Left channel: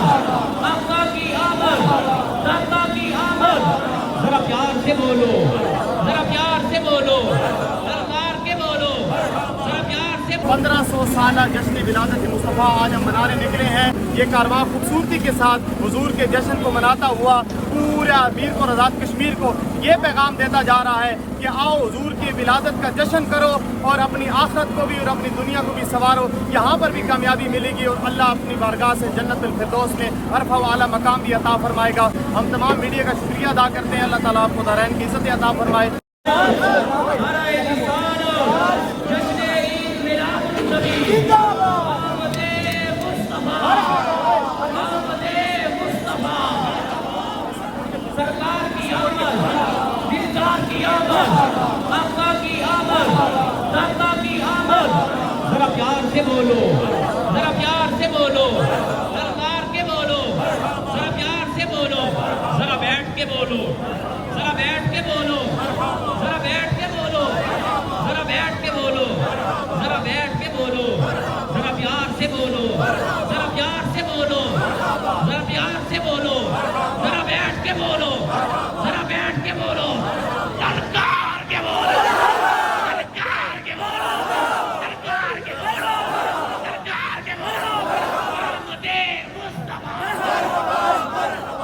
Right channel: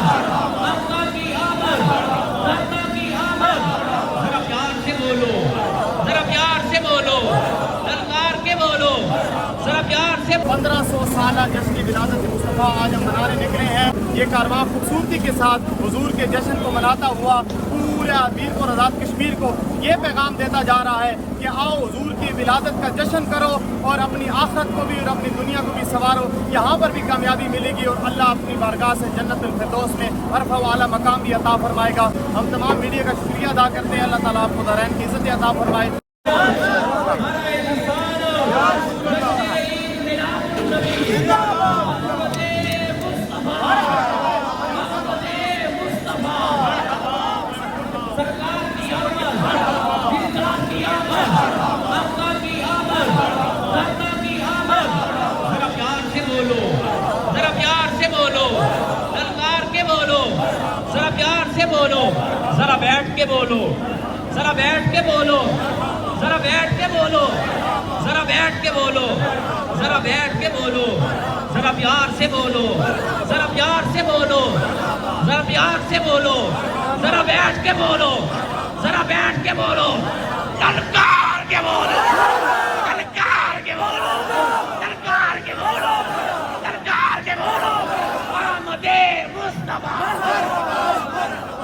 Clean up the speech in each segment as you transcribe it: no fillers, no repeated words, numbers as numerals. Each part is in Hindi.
आमद, आका की आमद, आका की आमद। जरा प्यार से बोलो, जरा प्यार से बोलो, सरकार के बोलो, जरा प्यार से। 1500 साल जश्न विलादत मुस्तफ़ा आज हम मनाने निकले हैं। ये कारवां खूबसूरती के साथ हुजूर के जश्न को मनाता हुआ पूरा मीर और आज़ाद कश्मीर को ये पैगाम देता जा रहा है कि आओ हुजूर की विलादत का जश्न करो और अपनी आखिरत को भी और अपनी दुनिया को भी संवारो। यहाँ पर भी कामयाबी मिलेगी और अल्लाह अपनी बारगाह से जन्नतुल फिरदौस में अरफ़ा व आला मकाम भी अता फरमाएगा। हम तमाम मीडिया का शुक्रिया अदा करते हैं। अल्लाह ताला आपको दारैन की इज़्ज़त अता फरमाए। सरकार की आमद, दिलदार की आमद, आका की आमद, आका की आमद। जरा प्यार से बोलो, जरा प्यार से बोलो, सरकार के बोलो, जरा प्यार से बोलो, जरा बैठ के बोलो, जरा बैठ के बोलो, जरा बैठ के बोलो, जरा बैठ के बोलो, जरा बैठ के बोलो, जरा प्यार से बोलो, जरा प्यार से बोलो, जरा प्यार से बोलो, जरा बैठ के बोलो, जरा बैठ के बोलो, सरकार के बोलो, सरकार के बोलो, सरकार के बोलो, सरकार के बोलो। मोहम्मदे मुस्तफा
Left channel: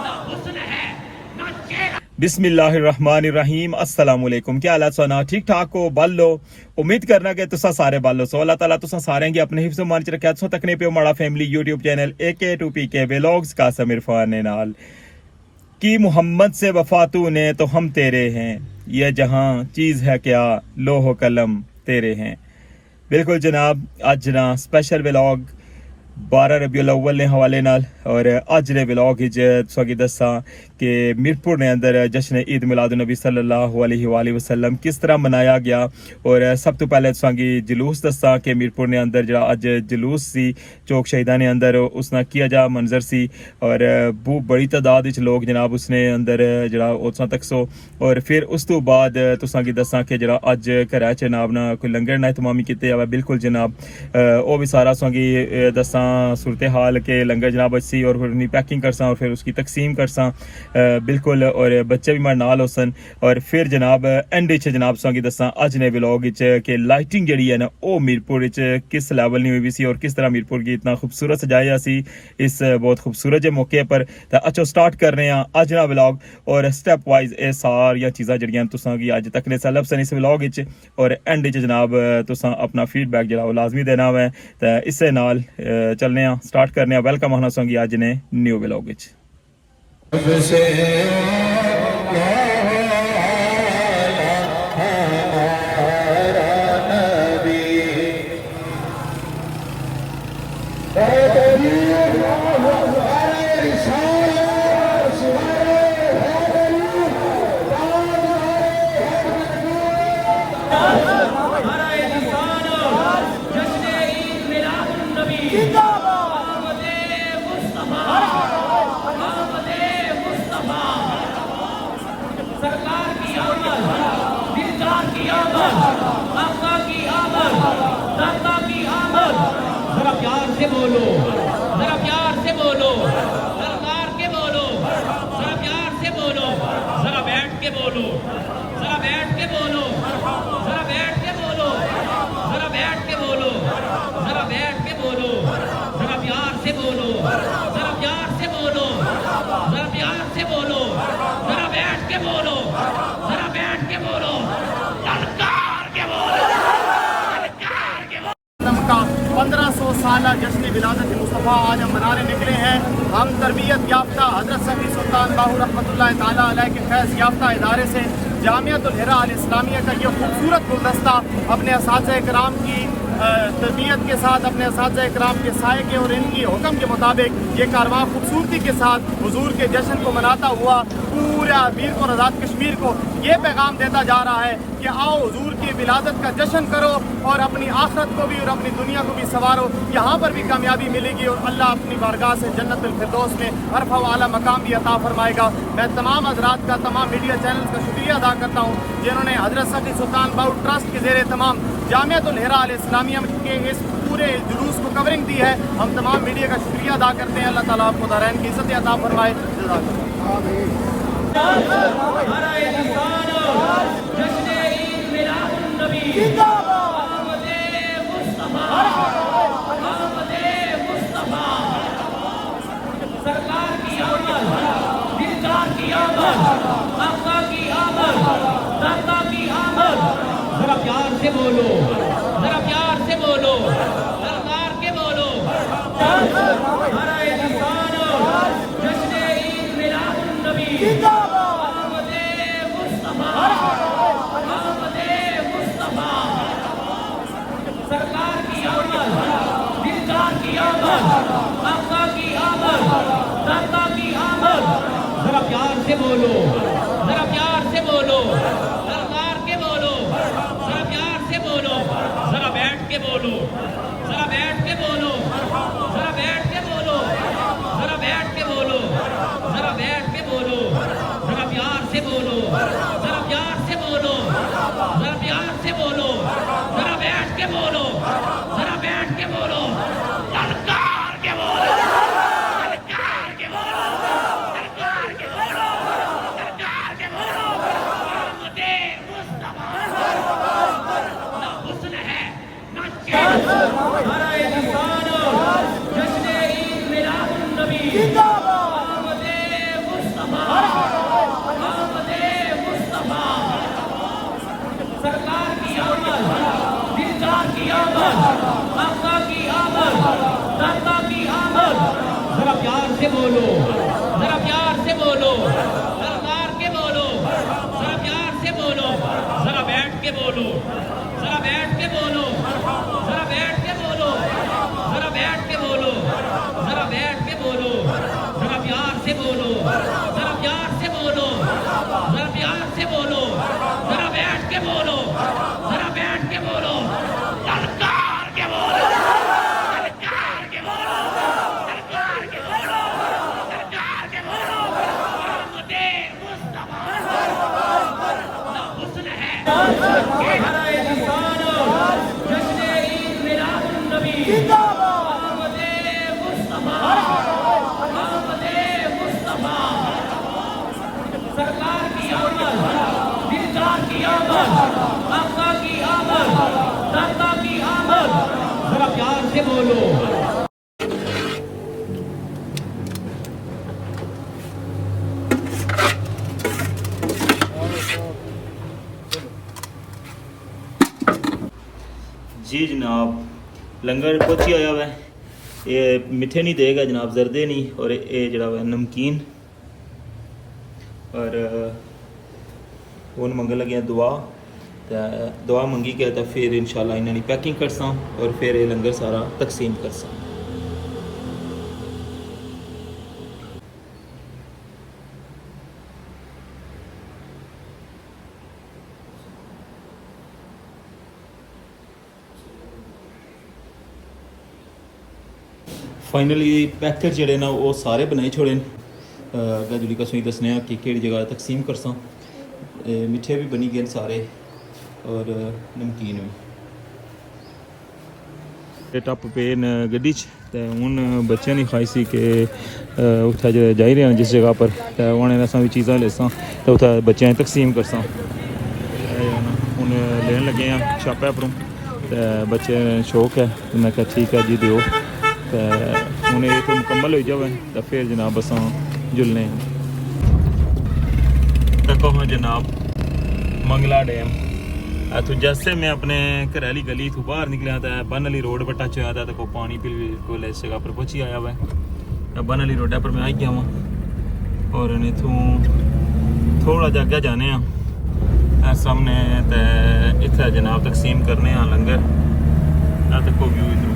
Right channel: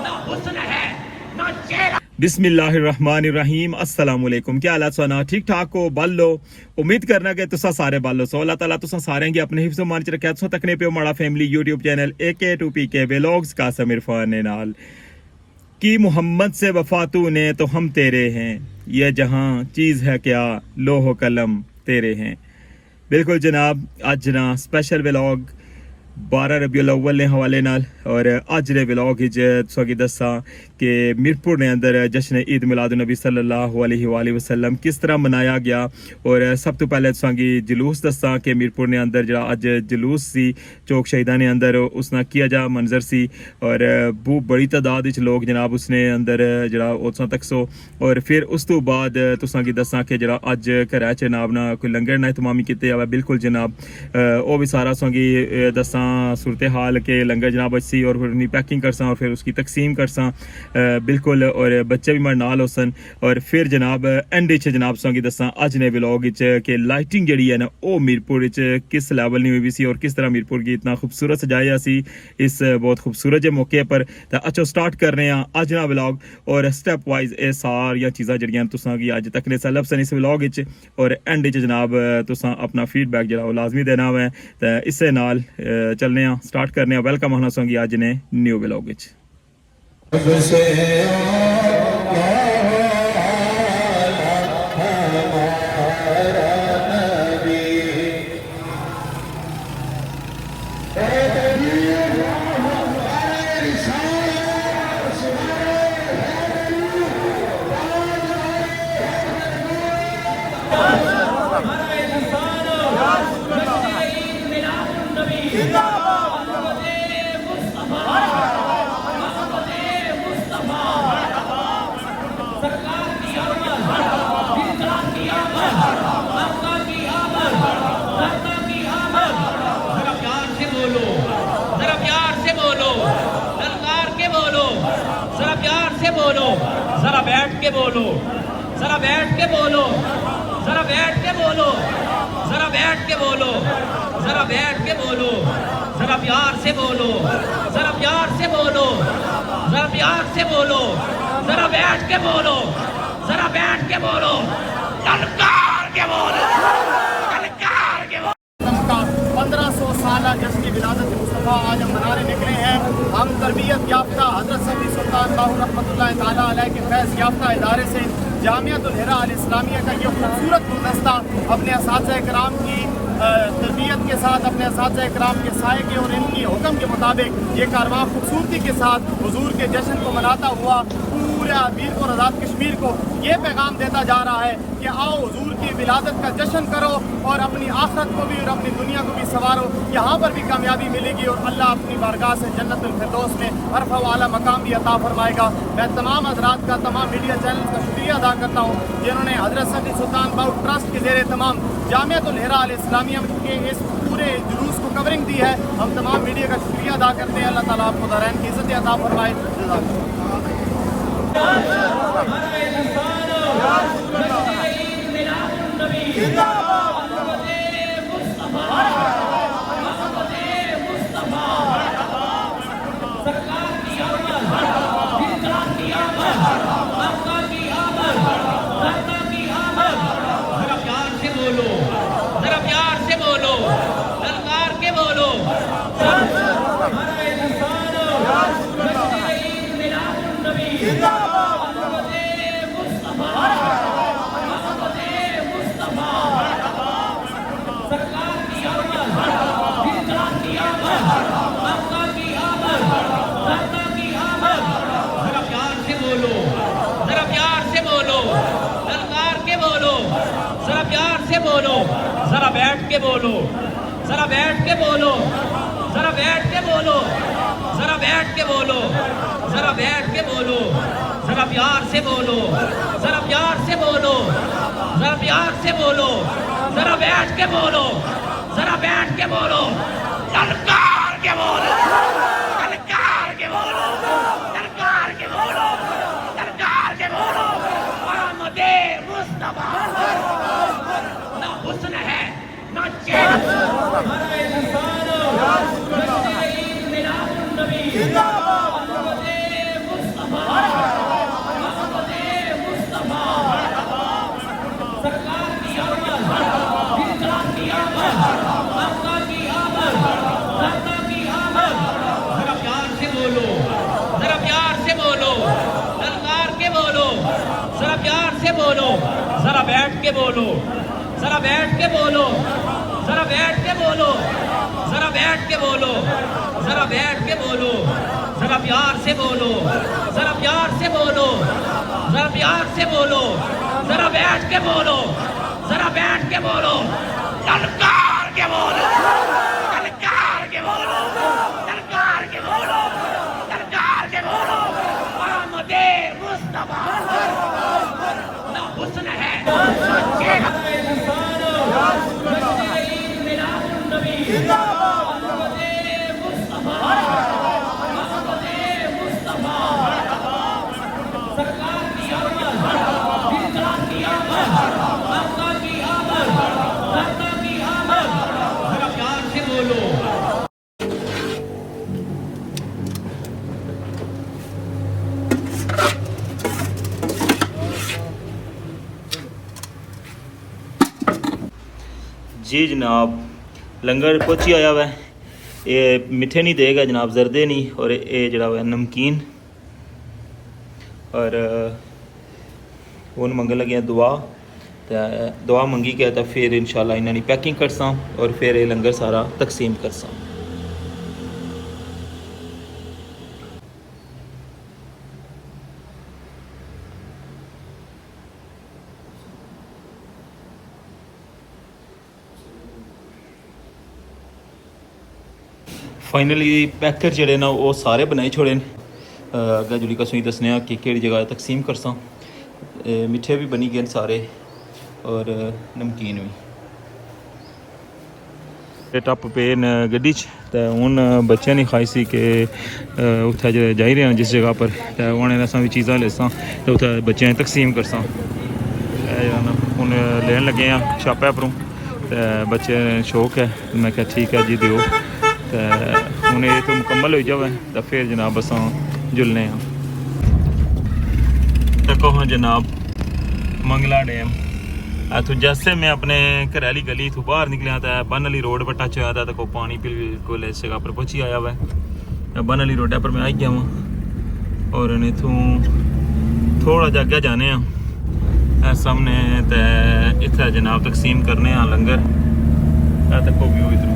ना हुस्न है ना चेहरा। बिस्मिल्लाहिर्रहमानिर्रहीम। अस्सलाम वालेकुम। क्या हालत सोना ठीक ठाक हो बालो। उम्मीद करना कि तुसा सारे बालो सो। अल्लाह ताला तुसा सारे की अपने हिफ्ज़ मान च रखे सो। तकने पे माड़ा family YouTube channel AK2PK vlogs का समीर फान नाल कि मोहम्मद से वफा तूने तो हम तेरे हैं, यह जहां चीज़ है क्या लोहो कलम तेरे हैं। बिल्कुल जनाब, आज ना स्पेशल व्लॉग 12 रबीउल अव्वल ने हवाले नाल और अज दे व्लॉग विच तुसां दस्सां कि मीरपुर ने अंदर जश्न ईद मिलादुन नबी सल्लल्लाहु अलैहि वसल्लम किस तरह मनाया गया। और सब तो पहले तुसां जुलूस दस्सां कि मीरपुर ने अंदर जो अज जुलूस सी चौक शहीदा ने अंदर उसना किया जा मंजर सी और बहुत बड़ी तादाद विच लोग जनाब उसने अंदर जरा उत्सां तक सो। और फिर उस तो बाद तुसां दस्सां कि जरा अज घरै च जनाब ना कोई लंगर ना इतमामी कीते जावे। बिल्कुल जनाब वो भी सारा तुसां दस्सां सूरत हाल के लंगर जनाब अच्छी और फिर उन्हें पैकिंग करसा और फिर उसकी तकसीम करसा बिल्कुल। और बच्चे भी मारे नाल होसन। और फिर जनाब एंड जनाब तुसां दस्सां अज ने व्लॉग कि लाइटिंग जी है ना वो मीरपुर किस लैवल नहीं हुई सी और किस तरह मीरपुर की इतना खूबसूरत सजाया सी इस बहुत खूबसूरत जे मौके पर। तो अच्छा स्टार्ट कर रहे हैं अज ना व्लॉग और स्टैप वाइज ये सारिया चीज़ां जड़ियां तुसां गी अज तक ने सलब सन इस व्लॉग और एंड जनाब तुसां अपना फीडबैक जो लाजमी देना है। तो इसे नाल चलने स्टार्ट करने वेलकम होना सोंगी आज ने न्यू व्लॉग विच। सरकार की आमद, दिलदार की आमद, आका की आमद, आका की आमद। जरा प्यार से बोलो, जरा प्यार से बोलो, सरकार के बोलो, जरा प्यार से बोलो, जरा बैठ के बोलो, जरा बैठ के बोलो, जरा बैठ के बोलो, जरा बैठ के बोलो, जरा बैठ के बोलो, जरा प्यार से बोलो, जरा प्यार से बोलो, जरा प्यार से बोलो, जरा बैठ के बोलो, जरा बैठ के बोलो, सरकार के बोलो, सरकार के बोलो। 1500 साल जश्न विलादत मुस्तफ़ा आज हम मनाने निकले हैं। हम तरबियत याफ्ता हज़रत सैयद सुल्तान बाहू रहमतुल्लाह ताला अलैह के फैज़ याफ्ता इदारे से जामियतुल हिरा अल इस्लामिया का ये खूबसूरत गुलदस्ता अपने असातिज़ा इकराम की तरबियत के साथ अपने असातिज़ा इकराम के साए के और इनकी हुक्म के मुताबिक ये कारवां खूबसूरती के साथ हुजूर के जश्न को मनाता हुआ पूरा मीर और आज़ाद कश्मीर को ये पैगाम देता जा रहा है कि आओ हुजूर की विलादत का जश्न करो और अपनी आखिरत को भी और अपनी दुनिया को भी संवारो। यहाँ पर भी कामयाबी मिलेगी और अल्लाह अपनी बारगाह से जन्नतुल फिरदौस में अरफ़ा व आला मकाम भी अता फरमाएगा। मैं तमाम हज़रात का तमाम मीडिया चैनल का शुक्रिया अदा करता हूँ जिन्होंने हज़रत सैयद सुल्तान बाहू ट्रस्ट के ज़ेरे तमाम जामियतुल हिरा अल इस्लामिया के इस पूरे पूरे जुलूस को कवरिंग दी है। हम तमाम मीडिया का शुक्रिया अदा करते हैं। अल्लाह ताला आपको दारैन की इज़्ज़त अता फरमाए। सरकार की आमद, दिलदार की आमद, आपका की आमद, आपका की आमद। जरा प्यार से बोलो, जरा प्यार से बोलो, सरकार के बोलो। हमारा इंसान जश्न ईद मिलादुन नबी, मोहम्मद मुस्तफा, मोहम्मद मुस्तफा। सरकार की आमद, दिलदार की आमद, आपका की आमद, आपका की आमद। जरा प्यार से बोलो, जरा प्यार से बोलो, सरकार के बोलो, जरा प्यार से बोलो, जरा बैठ के बोलो, जरा बैठ के बोलो, जरा बैठ के बोलो, जरा बैठ के बोलो, जरा बैठ के बोलो, जरा प्यार से बोलो, जरा प्यार से बोलो, जरा प्यार से बोलो, जरा बैठ के बोलो, जरा बैठ के बोलो, ललकार के बोलो, ललकार के बोलो, ललकार के बोलो, ललकार के बोलो। मोहम्मद मुस्तफा ना हुस्न है ना चेहरा। हमारा इंसान जश्न ईद मिलादुन नबी, मोहम्मद मुस्तफा, मोहम्मद मुस्तफा। सरकार की आमद, दिलदार की आमद, आपका की आमद, आपका की आमद। जरा प्यार से बोलो, जरा प्यार से बोलो, सरकार के बोलो, जरा प्यार से बोलो, जरा बैठ के बोलो, जरा बैठ के बोलो, जरा बैठ के बोलो, जरा बैठ के बोलो, जरा बैठ के बोलो, जरा प्यार से बोलो, जरा प्यार से बोलो, जरा प्यार से बोलो, जरा बैठ के बोलो, जरा बैठ के बोलो, ललकार के बोलो, ललकार के बोलो, ललकार के बोलो, ललकार के बोलो। मोहम्मद मुस्तफा ना हुस्न है ना चेहरा। जश्न ईद मिलादुन नबी, मोहम्मद मुस्तफा, मोहम्मद मुस्तफा। सरकार की आमद, दिलदार की आमद, आपका की आमद, आपका की आमद। जरा प्यार से बोलो। जी जनाब, लंगर पहुंची आया वै। ये मिठे नहीं देगा जनाब, जरदे नहीं, और ये जरा वै नमकीन, और वो मंगन लगे दुआ। तो दुआ मंगी के तो फिर इंशाल्लाह इन्होंने पैकिंग करसा और फिर ये लंगर सारा तकसीम करसा। फाइनली पैकेट जड़े ना वो सारे बनाई छोड़े। अगर जुड़ी कसों दसने कि केड़ी जगह तकसीम करसा। मिठे भी बनी गए सारे और नमकीन भी। टप पे न गड्डी च ते हुन बच्चे नहीं खाई सी कि उत्थे जाई रहे हैं जिस जगह पर, तो उन्हें असा भी चीज़ां लेसां तो उत्थे बच्चों तकसीम करसां। हुन लेन लगे हैं छापे परों, तो बच्चे शौक है तो मैं क्या ठीक है जी दिओ। तो हूँ ये तो मुकम्मल हो जाए तो फिर जनाब असां जुलने हैं। देखो हाँ जनाब, मंगला डैम इतों जैसे मैं अपने घर वाली गली इतों बाहर निकलिया तो बन वाली रोड पर टच होया था, तो पानी बिल्कुल इस जगह पर पहुंची आया वै। बन वाली रोड पर मैं आई गया वहाँ और इतों थोड़ा जा अगे जाने सामने तो इतना जनाब तकसीम करने लंगर। देखो व्यू इधरों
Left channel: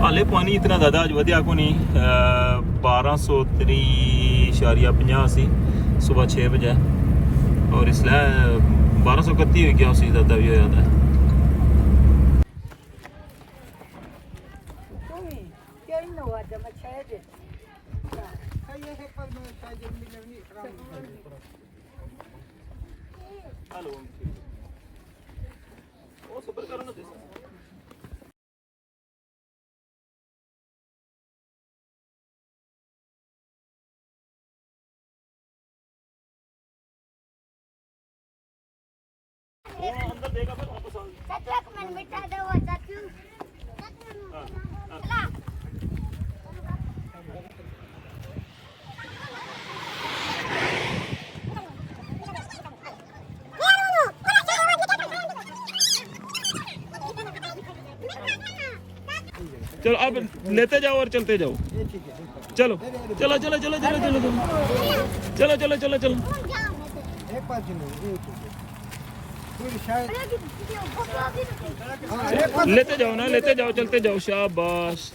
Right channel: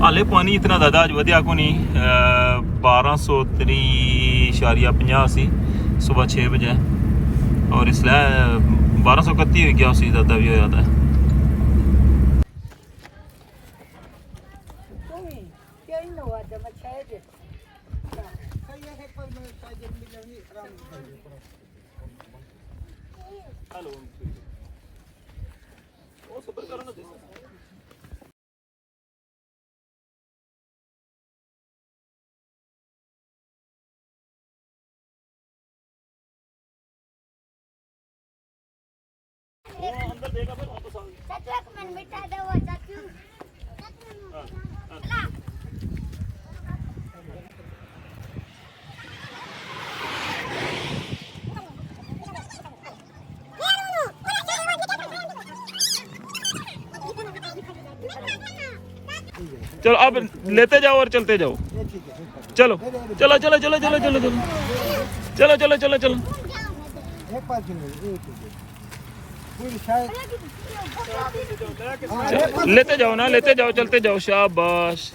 हाले पानी इतना ज़्यादा अज वधिया को नहीं। 1203.50 सी सुबह 6 बजे और इसलिए 1231 हो गया, उससे ज़्यादा भी हो जाता है। चलो अब लेते जाओ और चलते जाओ। चलो चलो चलो चलो चलो चलो चलो चलो चलो चलो चलो एक पास पूरी शायद लेते जाओ ना, लेते जाओ, चलते जाओ। शाबाश।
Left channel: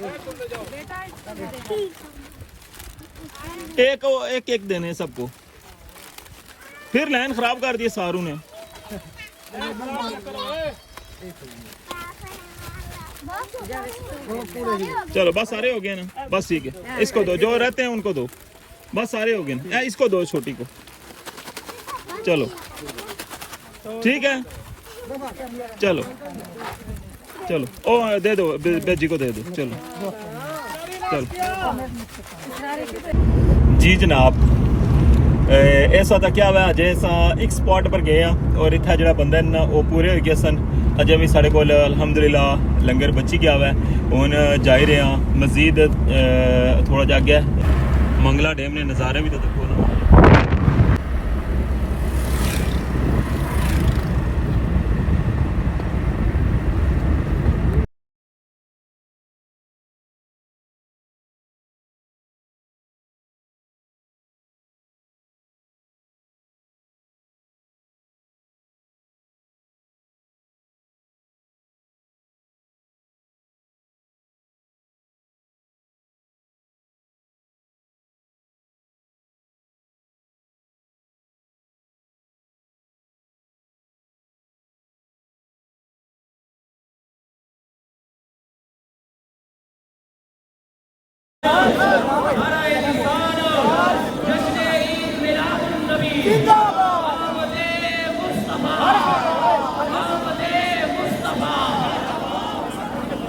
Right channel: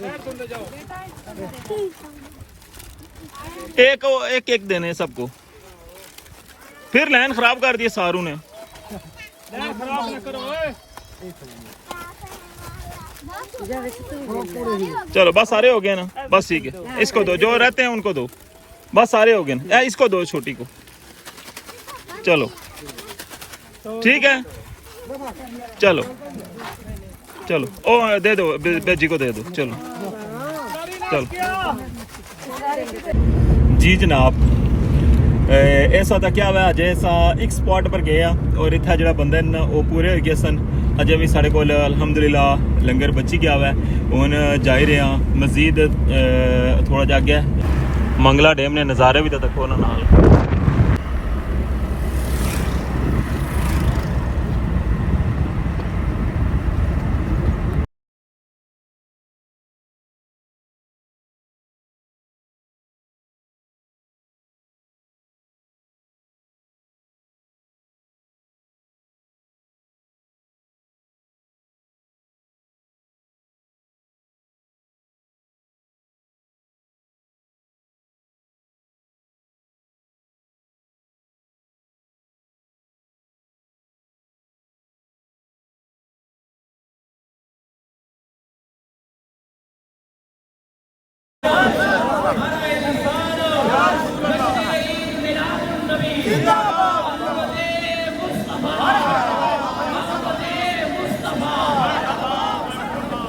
एक एक एक देने सबको। फिर लाइन खराब कर दी सारू ने। चलो बस सारे हो गए ना, बस ठीक है। इसको दो, जो रहते हैं उनको दो, बस सारे हो गए ना। इसको दो, छोटी को। चलो ठीक है, चलो चलो। ओ दे दो, बेजी को दे दो। चलो चलो जी जनाब। ऐसा तो क्या हुआ, जैसा एक स्पॉट पर गया और इतना जो बंदे न वो पूरे हो गए सन। अजे भी साढ़े को अलहमदुलिल्लाह लंगर बची गया हुआ है। हूँ जा ही रहे हैं मजीद थोड़ा जा गया। मंगला डैम ने नज़ारे भी तो देखो ना।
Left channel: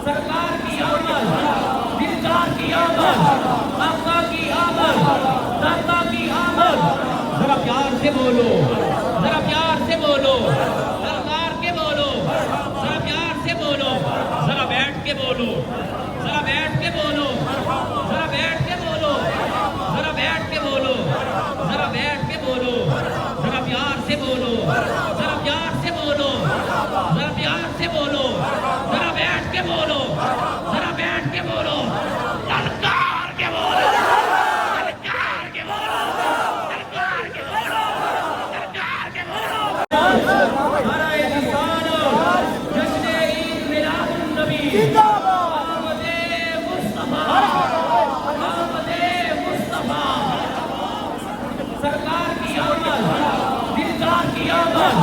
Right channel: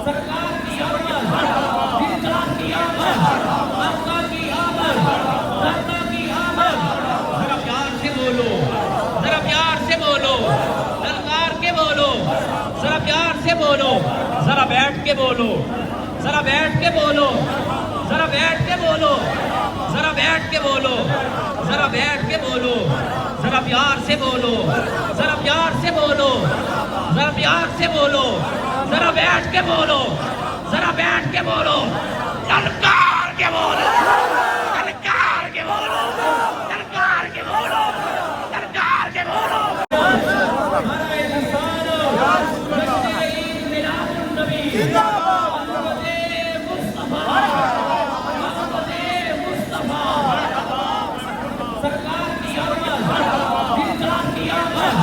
सरकार की आमद, दिलदार की आमद, आका की आमद, दाता की आमद। जरा प्यार से बोलो, जरा प्यार से बोलो, सरकार के बोलो, जरा प्यार से बोलो, जरा बैठ के बोलो, जरा बैठ के बोलो, जरा बैठ के बोलो, जरा बैठ के बोलो, जरा बैठ के बोलो, जरा प्यार से बोलो, जरा प्यार से बोलो, जरा प्यार से बोलो, जरा बैठ के बोलो, जरा बैठ के बोलो, ललकार के बोलो, ललकार के बोलो, ललकार के बोलो, ललकार के बोलो। नारे रिसालो, जश्न ईद मिलादुन नबी, मोहम्मद मुस्तफा, मोहम्मद मुस्तफा। सरकार की आमद, दिलदार की आमद,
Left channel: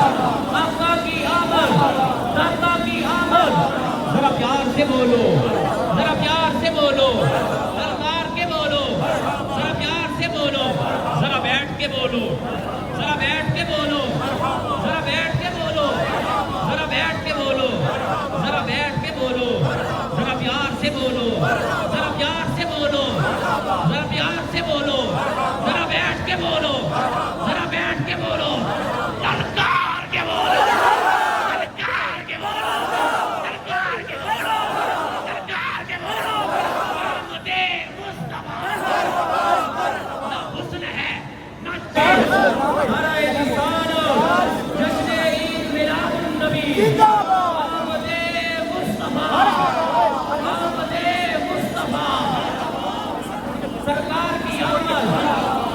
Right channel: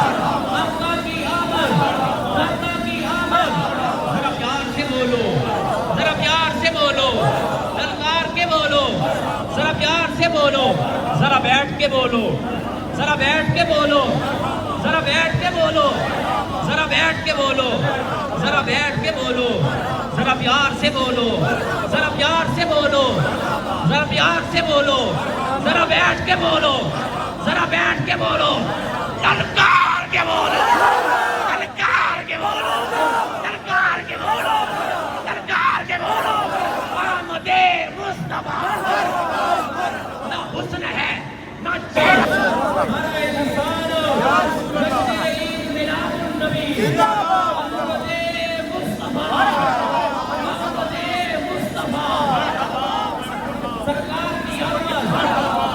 आका की आमद, दाता की आमद। जरा प्यार से बोलो, जरा प्यार से बोलो, सरकार के बोलो, जरा प्यार से बोलो, जरा बैठ के बोलो, जरा बैठ के बोलो, जरा बैठ के बोलो, जरा बैठ के बोलो, जरा बैठ के बोलो, जरा प्यार से बोलो, जरा प्यार से बोलो, जरा प्यार से बोलो, जरा बैठ के बोलो, जरा बैठ के बोलो, ललकार के बोलो, ललकार के बोलो, ललकार के बोलो, ललकार के बोलो। मोहम्मद मुस्तफा ना हुस्न है ना चेहरा। नारे रिसालो, जश्न ईद मिलादुन नबी, मोहम्मद मुस्तफा, मोहम्मद मुस्तफा। सरकार की आमद,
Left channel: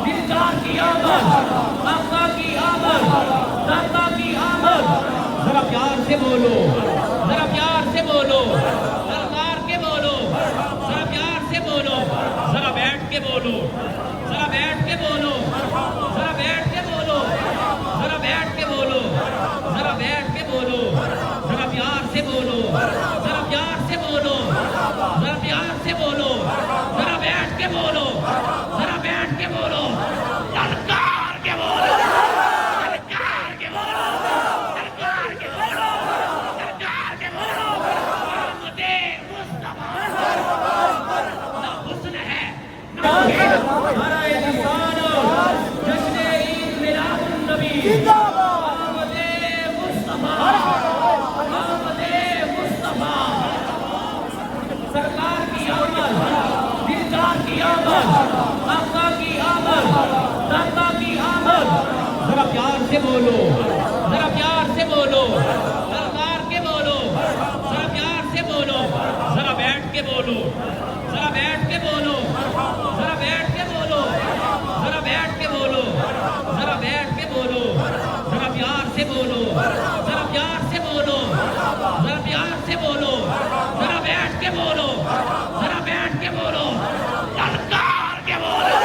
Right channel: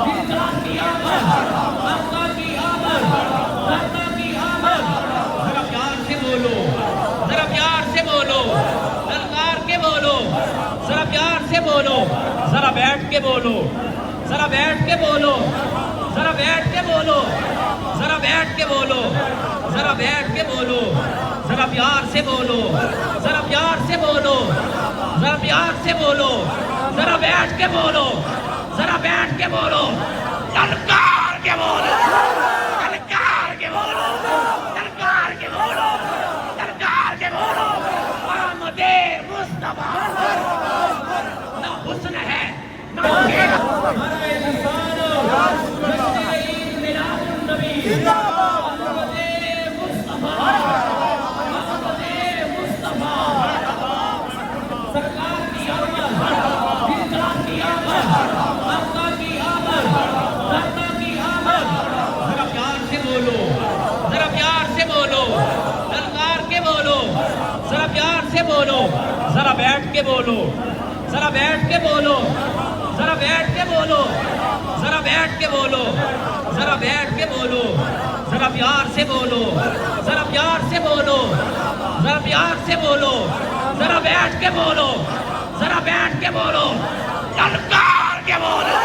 दिलदार की आमद, आका की आमद, दाता की आमद। जरा प्यार से बोलो, जरा प्यार से बोलो, ललकार के बोलो, जरा प्यार से बोलो, जरा बैठ के बोलो, जरा बैठ के बोलो, जरा बैठ के बोलो, जरा बैठ के बोलो, जरा बैठ के बोलो, जरा प्यार से बोलो, जरा प्यार से बोलो, जरा प्यार से बोलो, जरा बैठ के बोलो, जरा बैठ के बोलो, ललकार के बोलो, ललकार के बोलो, ललकार के बोलो, ललकार मुस्तफा ना हुस्न है ना नारे रिसालो जश्न ईद मिलादुन नबी अहमदे मुस्तफा सरकार की आमद दिलदार की आमद आका की आमद दाता की आमद जरा प्यार से बोलो जरा प्यार से बोलो सरकार के बोलो जरा प्यार से बोलो जरा बैठ के बोलो जरा बैठ के बोलो जरा बैठ के बोलो जरा बैठ के बोलो जरा बैठ के बोलो जरा प्यार से बोलो जरा प्यार से बोलो जरा प्यार से बोलो जरा बैठ के बोलो जरा बैठ के बोलो ललकार के बोलो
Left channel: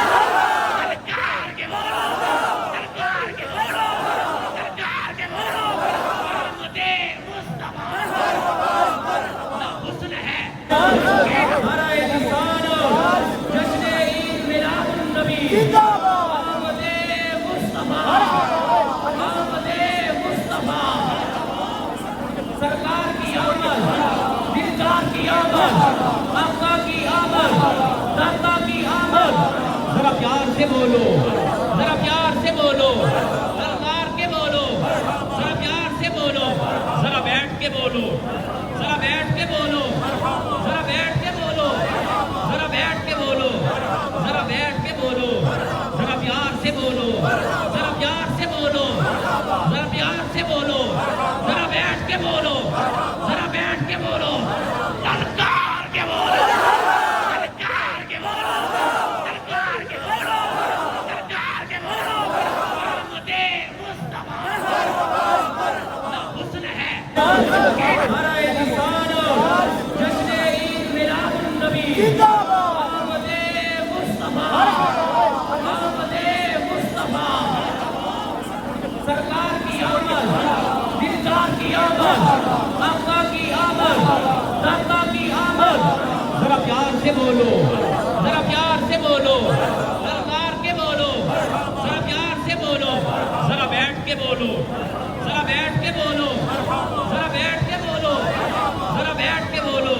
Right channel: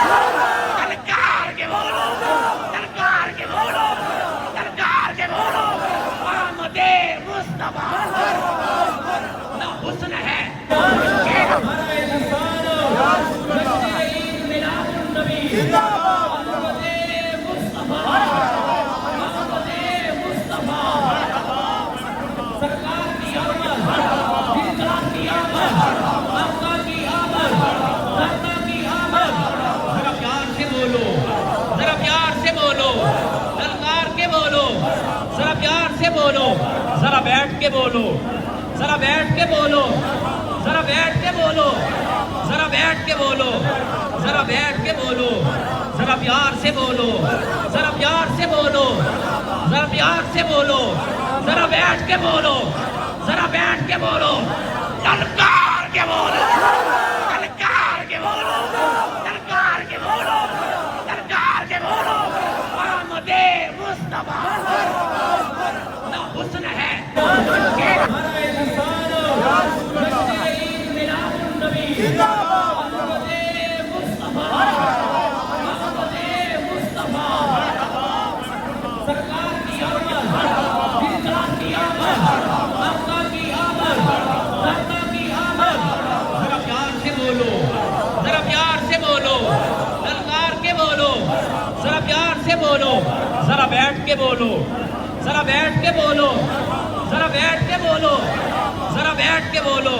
ललकार के बोलो ललकार के बोलो ललकार के बोलो मोहम्मदे मुस्तफा ना हुस्न है नारे रिसालो जश्न ईद मिलादुन नबी अहमदे मुस्तफा सरकार की आमद दिलदार की आमद आका की आमद दाता की आमद जरा प्यार से बोलो जरा प्यार से बोलो सरकार के बोलो जरा प्यार से बोलो जरा बैठ के बोलो जरा बैठ के बोलो जरा बैठ के बोलो जरा बैठ के बोलो जरा बैठ के बोलो जरा प्यार से बोलो जरा प्यार से बोलो जरा प्यार से बोलो जरा बैठ के बोलो जरा बैठ के बोलो ललकार के बोलो ललकार के बोलो ललकार के बोलो ललकार के बोलो मोहम्मदे मुस्तफा ना हुस्न है नारे रिसालो जश्न ईद मिलादुन नबी अहमदे मुस्तफा सरकार की आमद दिलदार की आमद आका की आमद दाता की आमद जरा प्यार से बोलो जरा प्यार से बोलो सरकार के बोलो जरा प्यार से बोलो जरा बैठ के बोलो जरा बैठ के बोलो जरा बैठ के बोलो जरा बैठ के बोलो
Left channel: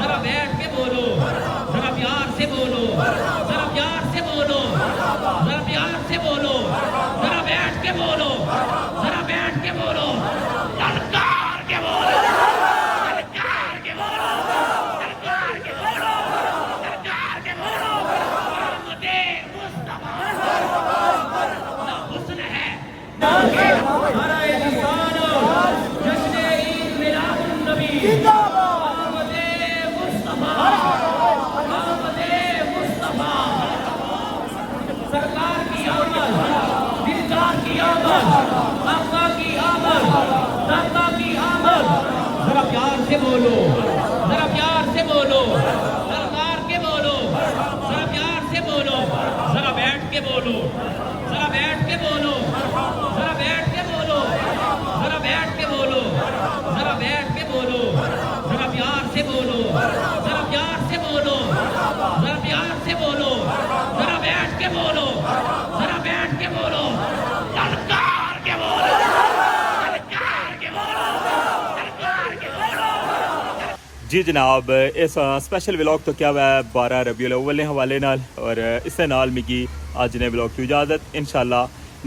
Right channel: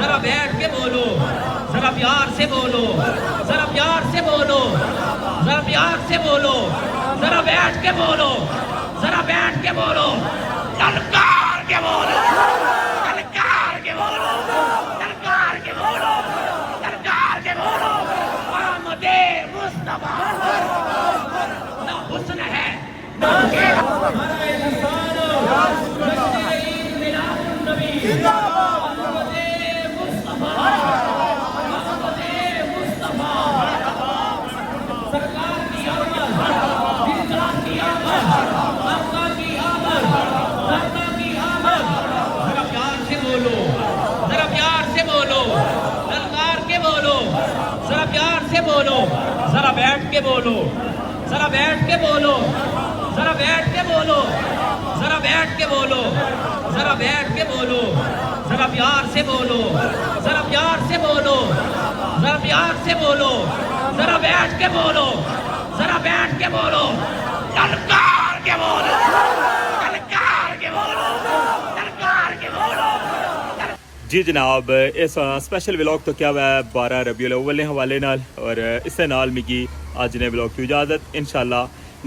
जरा बैठ के बोलो जरा प्यार से बोलो जरा प्यार से बोलो जरा प्यार से बोलो जरा बैठ के बोलो जरा बैठ के बोलो ललकार के बोलो ललकार के बोलो ललकार के बोलो ललकार के बोलो मोहम्मदे मुस्तफा ना हुस्न है नारे रिसालो जश्न ईद मिलादुन नबी अहमदे मुस्तफा सरकार की आमद दिलदार की आमद आका की आमद दाता की आमद जरा प्यार से बोलो जरा प्यार से बोलो सरकार के बोलो जरा प्यार से बोलो जरा बैठ के बोलो जरा बैठ के बोलो जरा बैठ के बोलो जरा बैठ के बोलो जरा बैठ के बोलो जरा प्यार से बोलो जरा प्यार से बोलो जरा प्यार से बोलो जरा बैठ के बोलो जरा बैठ के बोलो ललकार के बोलो ललकार के बोलो ललकार के बोलो जी जनाब इस स्पेशल व्लॉग तो क्या हुआ 12 रबीउल अव्वल के हवाले नाल और इससे नाल मिगी अज ने व्लॉग की इजाजत इंशाल्लाह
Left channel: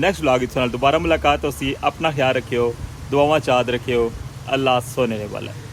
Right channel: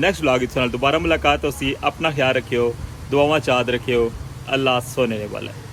नेक्स्ट व्लॉग इस नाल दोबारा मुलाकात होसी अपना ख्याल रखियो दुआवां चाद रखियो अल्लाह सोने वाला है।